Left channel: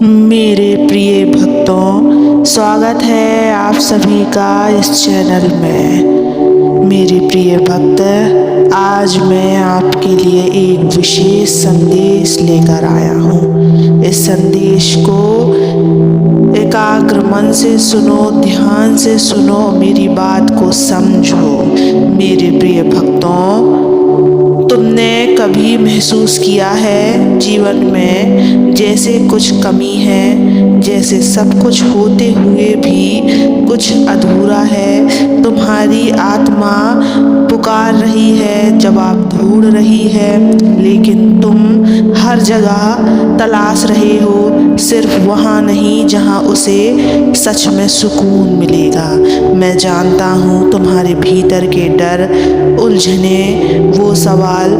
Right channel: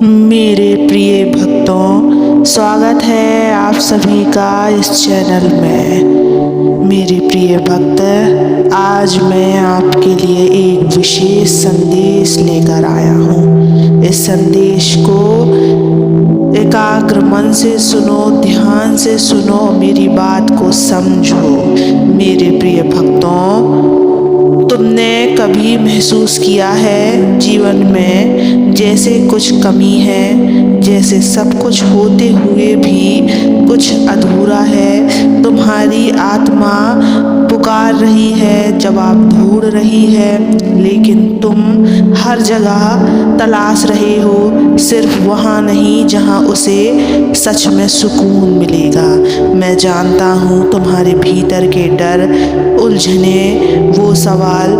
मेरे प्रिय भक्तों, स्वागत है आप सभी का इस चैनल में। मेरे प्रिय भक्त, आज मैं आपके लिए एक विशेष संदेश लेकर आया हूँ। इस संदेश को एकाग्र मन से सुनो, ध्यान से सुनो, मेरी बात को समझो। मेरे प्रिय भक्तों, तुमने कभी महसूस किया है जीवन में जैसे कुछ कमी है, जैसे सब कुछ होते हुए भी कुछ अधूरा है? तुम्हारी आत्मा पुकार रही है, जवाब ढूंढ रही है, लेकिन तुम हर जगह तलाश रहे हो, सिर्फ वहाँ नहीं जहाँ उसे सच में सुकून मिलेगा। मैं जानता हूँ तुम्हारे भीतर के डर, उलझने, वो सवाल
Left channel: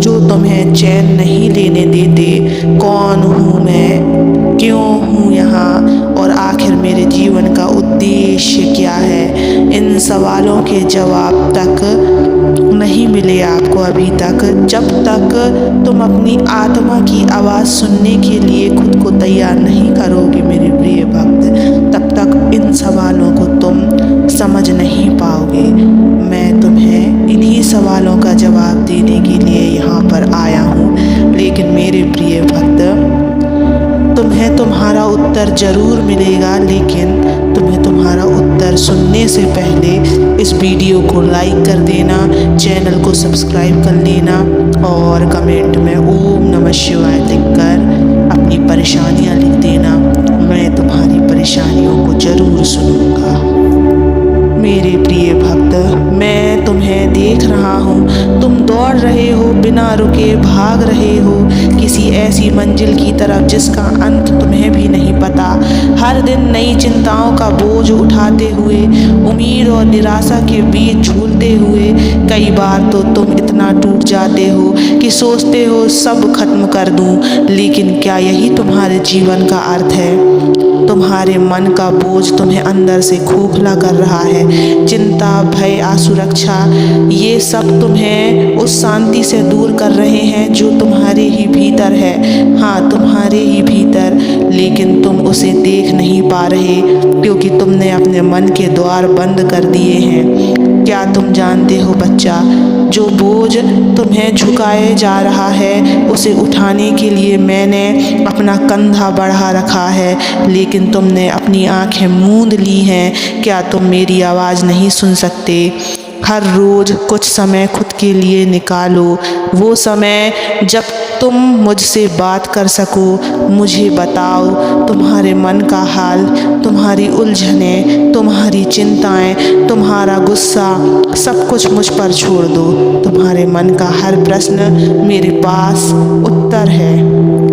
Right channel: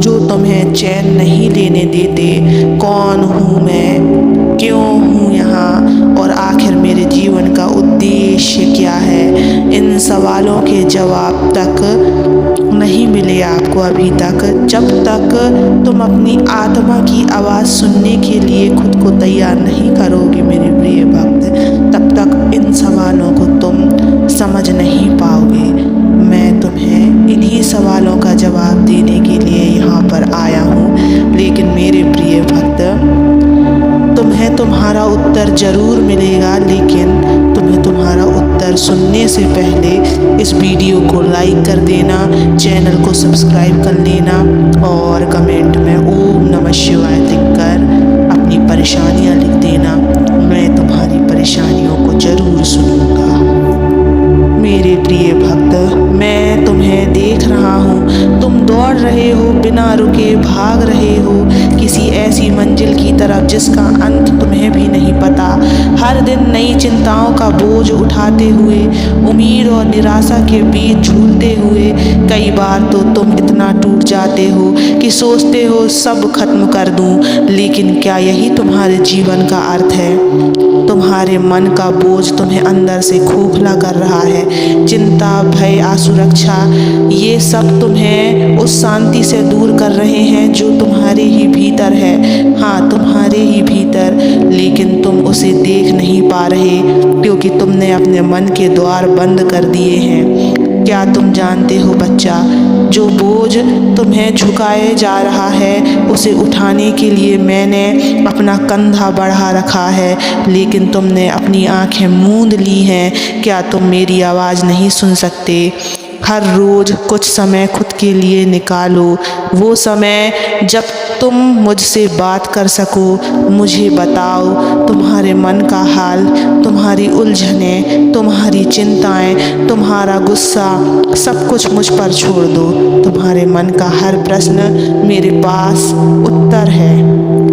जो तुम्हें चैन नहीं लेने देते। कौन हूँ मैं, क्यों हूँ यहाँ, और आखिर मेरे जीवन का उद्देश्य क्या है? इन सवालों के जवाब तक नहीं मिले आपको अभी तक। जब तक तुम अपनी आत्मा की आवाज़ सुनने के लिए खुद को तैयार नहीं करोगे मेरे प्रिय भक्त, तब तक इन सवालों को तुम समझ नहीं पाओगे। मैं तुम्हें इन्हीं सवालों का जवाब देने के लिए यहाँ पर आया हूँ। लेकिन मेरे प्रिय भक्त, तुम्हें तुम्हारा उत्तर ज़रूर मिलेगा, लेकिन तुम्हें तुम्हारा उत्तर सुनने से पहले इस वीडियो को लाइक कर देना, चैनल को सब्सक्राइब कर लेना और कमेंट में ओम नमः शिवाय लिखकर अपनी परेशानियां लिख देना। मैं तुम्हारी परेशानियों को ज़रूर सुनूंगा। मेरे प्रिय भक्त, मैं तुम्हें देख रहा हूँ। तुम दौड़ रहे हो, बिना रुके भाग रहे हो किसी ऐसी मंजिल की तरफ जिसका अंत तुम्हें भी नहीं पता। हर दिन नई चिंताओं का बोझ उठाते हुए, उम्मीद और निराशा के बीच झूलते हुए, कई बार तो तुम इतना टूट जाते हो कि सोचते हो सब खत्म कर दूँ। लेकिन क्या यही तुम्हारे जीवन का अर्थ है? तुम्हारे मन का बोझ तुम्हें अंदर से खोखला कर रहा है। चिंता, भय, असुरक्षा, ये सब तुम्हें उस शांति से दूर कर रहे हैं जो तुम्हारे ही भीतर है। हाँ, तुम्हारे ही भीतर, लेकिन तुम उसे देख नहीं पा रहे क्योंकि तुमने अपने मन के द्वार बंद कर दिए हैं। क्या तुम जानते हो बच्चा, जो बोझ तुम्हें झुकाए जा रहा है उसे उठाने के लिए मैंने अपना कंधा बढ़ा रखा है, लेकिन तुमने अपनी आंखें मूंद ली हैं। क्या तुम मेरी आवाज़ नहीं सुन सकते? हर रोज़ कुछ समय खुद के लिए निकालो, वो समय जब तुम मुझसे बात कर सको। मुझे बताओ तुम्हारे मन का हाल, तुम्हारी उलझने, तुम्हारी चिंताएं, तुम्हारा गुस्सा, सब कुछ मुझ पर छोड़ दो। तुम्हारे मन का हर प्रश्न मेरे पास उत्तर है,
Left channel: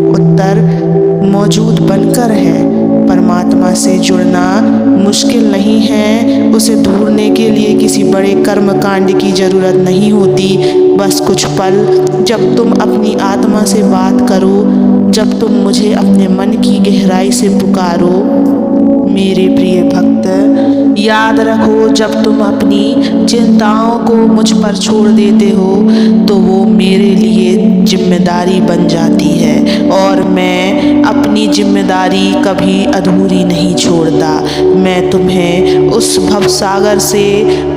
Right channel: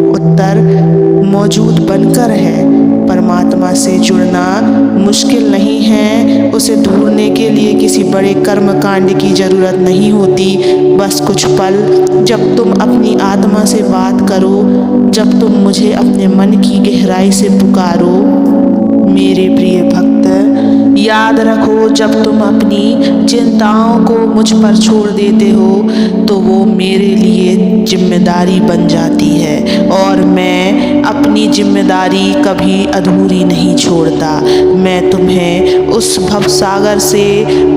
उत्तर मौजूद बनकर है। परमात्मा से जुड़ना मुश्किल नहीं है, उसे ढूंढने के लिए किसी बड़े कर्म कांड की ज़रूरत नहीं होती। बस कुछ पल जब तुम अपनी आत्मा से बात करो, जब तुम मुझे अपने मन की गहराई से पुकारो। मेरे प्रिय भक्त, याद रखो, जब तुम अपनी चिंताओं को मुझ पर छोड़ देते हो तो वो मेरे लिए जिम्मेदारी बन जाती है, और मैं अपनी जिम्मेदारी कभी अधूरी नहीं छोड़ता। मैं तुम्हें उस भवसागर से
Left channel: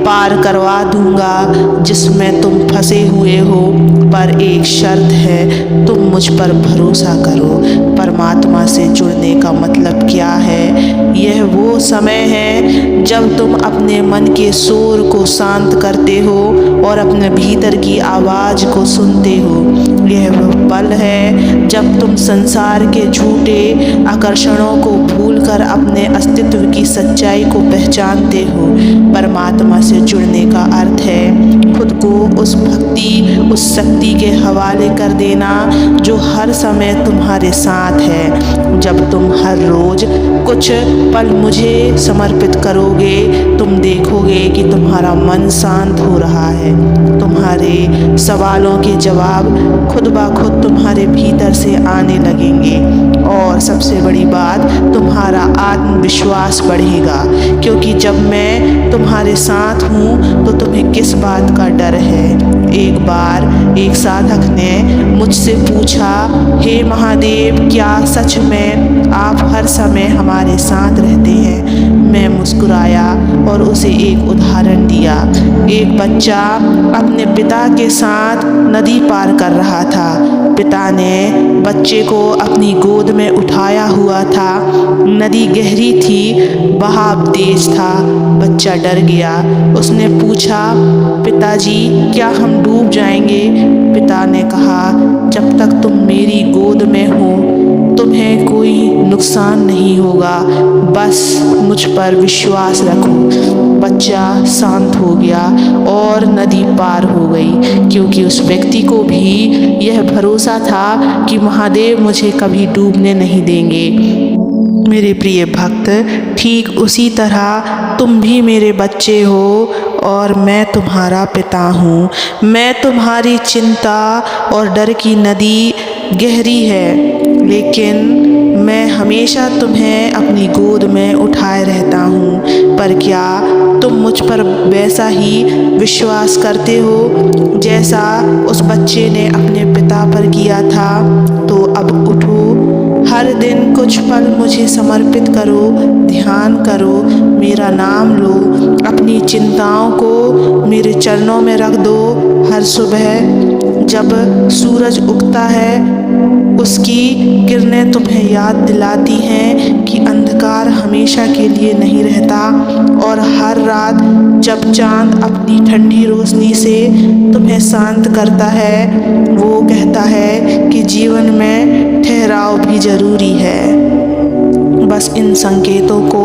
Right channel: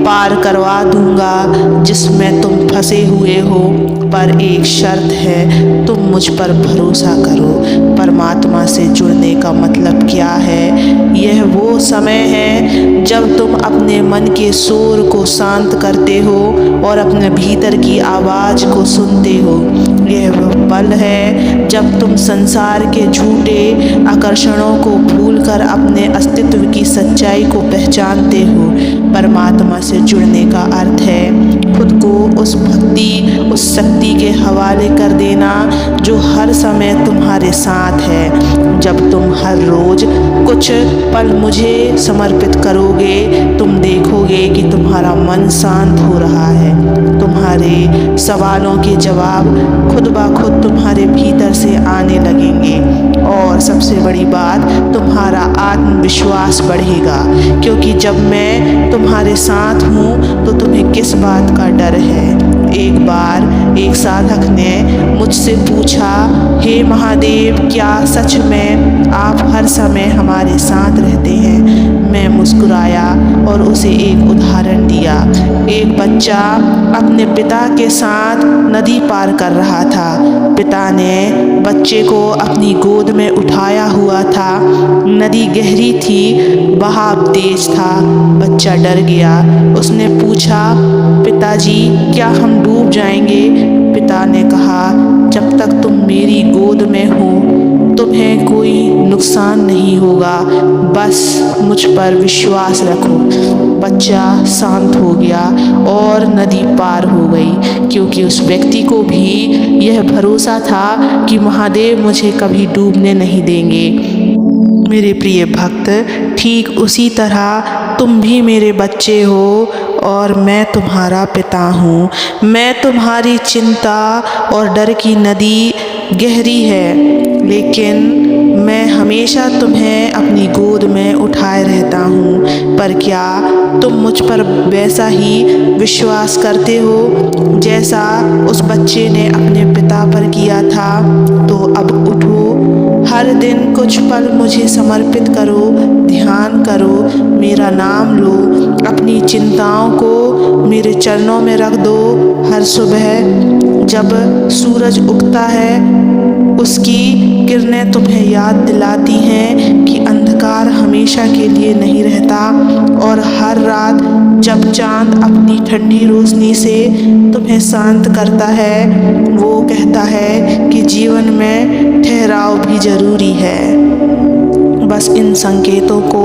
पार करवा दूंगा जिसमें तुम फंसे हुए हो, पर एक शर्त है, तुम मुझ पर भरोसा करो। परमात्मा से जुड़ने का मतलब क्या है? यह वो समय है जब तुम अपने मन के शोर को शांत करते हो और अपने भीतर की आवाज़ को सुनते हो। यह वो पल है जब तुम संसार के झूठे आकर्षणों को भूलकर अपने अस्तित्व की सच्चाई को पहचानते हो। परमात्मा से जुड़ने का अर्थ है खुद को उस भक्ति, उस शक्ति के हवाले कर देना जो हर समय तुम्हारे साथ है। जब तुम हर रोज़ कुछ पल मुझे समर्पित करोगे, तुम देखोगे कि तुम्हारा मन शांत हो रहा है। तुम्हारे सवालों के जवाब खुद ब खुद तुम्हारे भीतर से आने लगेंगे, और सबसे बड़ी बात, तुम्हारा आत्मविश्वास बढ़ेगा, क्योंकि जब मैं तुम्हारे साथ हूँ तो तुम्हें किस बात का डर है? एक बार एक साधक ने मुझसे पूछा, हे महादेव, क्या सच में आप हर समय हमारे साथ रहते हैं? मैं मुस्कुराया और उसे एक उदाहरण दिया। एक बच्चा अपने पिता के साथ नदी पार कर रहा था। पिता ने बच्चे को अपनी गोद में उठाया हुआ था। नदी गहरी थी, बहाव तेज था। बच्चा डर गया। उसने पूछा, पिताजी, क्या हम डूब जाएंगे? पिता ने कहा, जब तक तुम मेरी गोद में हो तुम्हें कोई नुकसान नहीं होगा, बस मुझ पर विश्वास रखो। बच्चा शांत हो गया और नदी पार हो गई, क्योंकि उस व्यक्ति को भी यह भरोसा था कि महादेव मुझे कभी डूबने नहीं देंगे। मेरे प्रिय भक्त, ठीक उसी तरह तुम भी मेरे बच्चे हो और मैं तुम्हारा पिता हूँ। मैं तुम्हारी चिंता और डर की नदी गहरी है, लेकिन मैं हमेशा तुम्हें अपनी गोद में उठाए रहता हूँ। पर क्या तुम मुझ पर वैसा ही विश्वास करते हो जैसा उस बच्चे ने अपने पिता पर किया था? तो अब उठो, हर दिन कुछ पल मुझे समर्पित करो, ध्यान करो, मेरा नाम लो, अपनी चिंताओं को मेरे चरणों में रख दो। हर सुबह जब सूरज उगता है, उसकी किरणें तुम्हें याद दिलाती हैं कि अंधकार हमेशा के लिए नहीं रहता। और हर रात जब चाँद अपनी ठंडी रोशनी से तुम्हें शांत करता है, वो कहता है कि जीवन में ठहराव भी ज़रूरी है। बस इन संकेतों को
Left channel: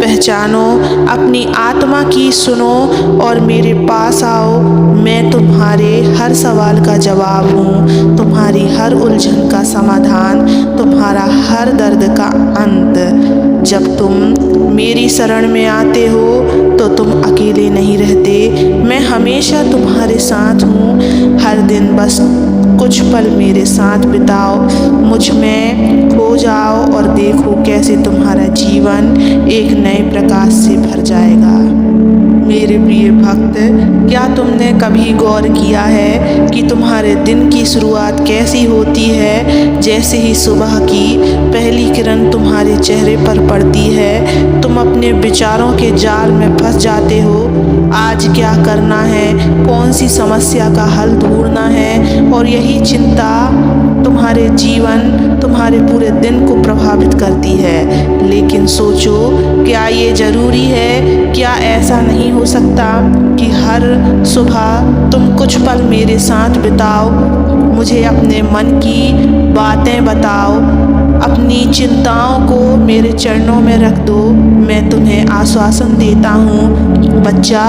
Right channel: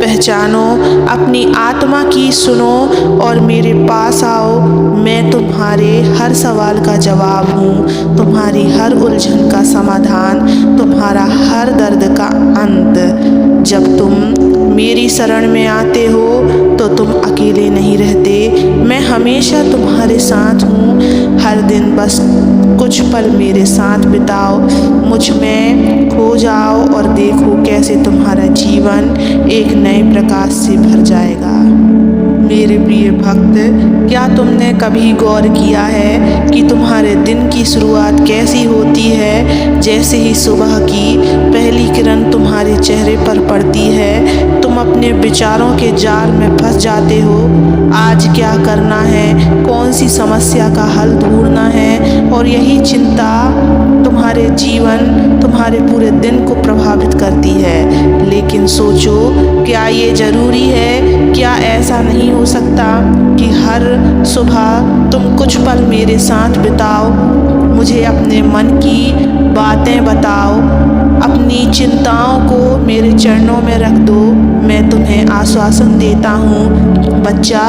पहचानो, अपनी आत्मा की सुनो और मेरे पास आओ। मैं तुम्हारे हर सवाल का जवाब हूँ, तुम्हारी हर उलझन का समाधान, तुम्हारा हर दर्द का अंत। जब तुम मेरी शरण में आते हो तो तुम अकेले नहीं रहते। मैं हमेशा तुम्हारे साथ हूँ। हर दिन बस कुछ पल मेरे साथ बिताओ, मुझ में खो जाओ और देखो कैसे तुम्हारा जीवन एक नए प्रकाश से भर जाएगा। मेरे प्रिय भक्त, क्या तुमने कभी गौर किया है कि तुम्हारे दिन की शुरुआत कैसी होती है? जैसे ही सुबह की पहली किरण तुम्हारे चेहरे पर पड़ती है, तुम अपने विचारों के जाल में फंस जाते हो। आज क्या करना है, कौन सी समस्या का हल ढूंढना है, और यही चिंता तुम्हारे जीवन, तुम्हारे पूरे दिन को प्रभावित करती है। लेकिन सोचो, क्या ये ज़रूरी है? क्या ऐसा नहीं हो सकता कि हर सुबह तुम कुछ पल मेरे साथ बिताओ, मुझे अपने मन की बातें बताओ, अपनी चिंताओं को मेरे चरणों में रख दो। मैं तुम्हें आश्वासन देता हूँ बच्चा,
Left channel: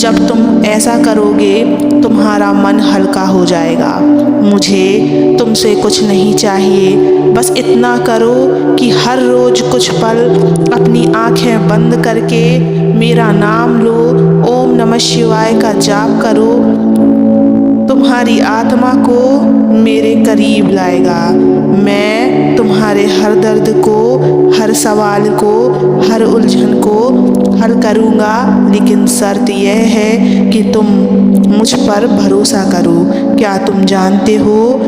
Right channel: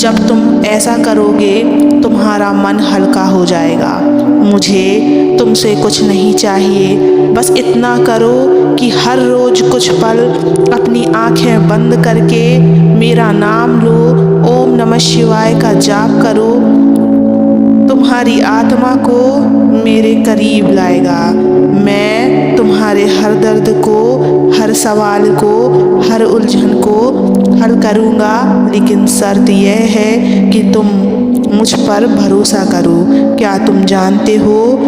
जब तुम ऐसा करोगे तुम्हारा मन हल्का हो जाएगा। मुझे तुमसे कुछ नहीं चाहिए, बस इतना करो कि हर रोज़ कुछ पल अपनी आँखें बंद करके मेरा नाम लो, ओम नमः शिवाय का जाप करो। तुम्हारी आत्मा को मेरे करीब लाएगा। मैं तुम्हारे हर दर्द को, हर सवाल को, हर उलझन को हल करूँगा, लेकिन शर्त यह है कि तुम मुझ पर भरोसा करो। क्या तुम जानते हो,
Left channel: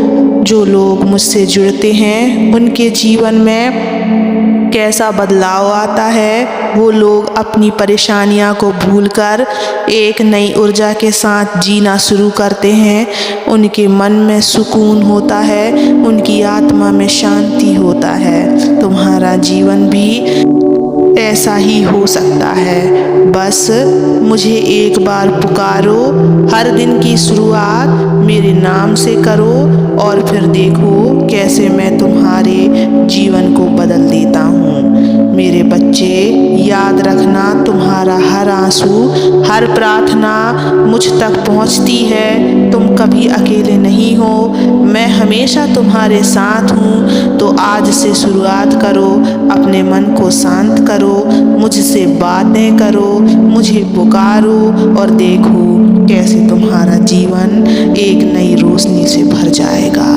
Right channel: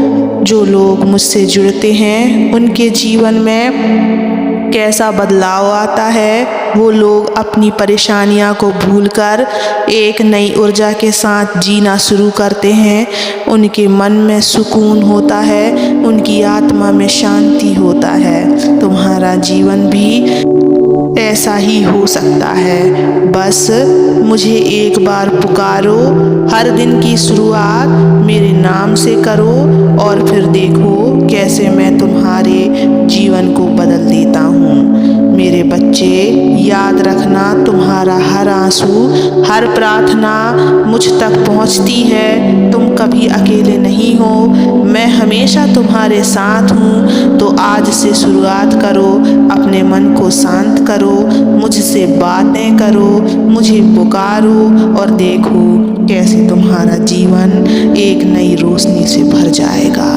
जो लोग मुझसे जुड़ते हैं उनके जीवन में कैसा बदलाव आता है? वो लोग अपनी परेशानियां को भूलकर एक नई ऊर्जा के साथ जीना शुरू करते हैं। उनके मन में सुकून होता है, उनकी आत्मा में शांति होता है। तुम्हारा जीवन भी ऐसा ही हो सकता है। बस मुझे एक बार पुकारो, हर दिन की शुरुआत मेरे नाम से करो और फिर देखो कैसे मैं तुम्हारे जीवन को बदल देता हूँ। मेरे बच्चे, याद रखना, तुम्हारा हर आंसू, हर प्रार्थना मुझ तक पहुँचती है। तुम कभी अकेले नहीं हो, मैं हमेशा तुम्हारे साथ हूँ। तो आज से शुरुआत करो, अपने मन को शांत करो, मुझसे बातें करो, मुझे पुकारो और देखो कैसे तुम्हारा जीवन एक नई रोशनी से भर जाएगा।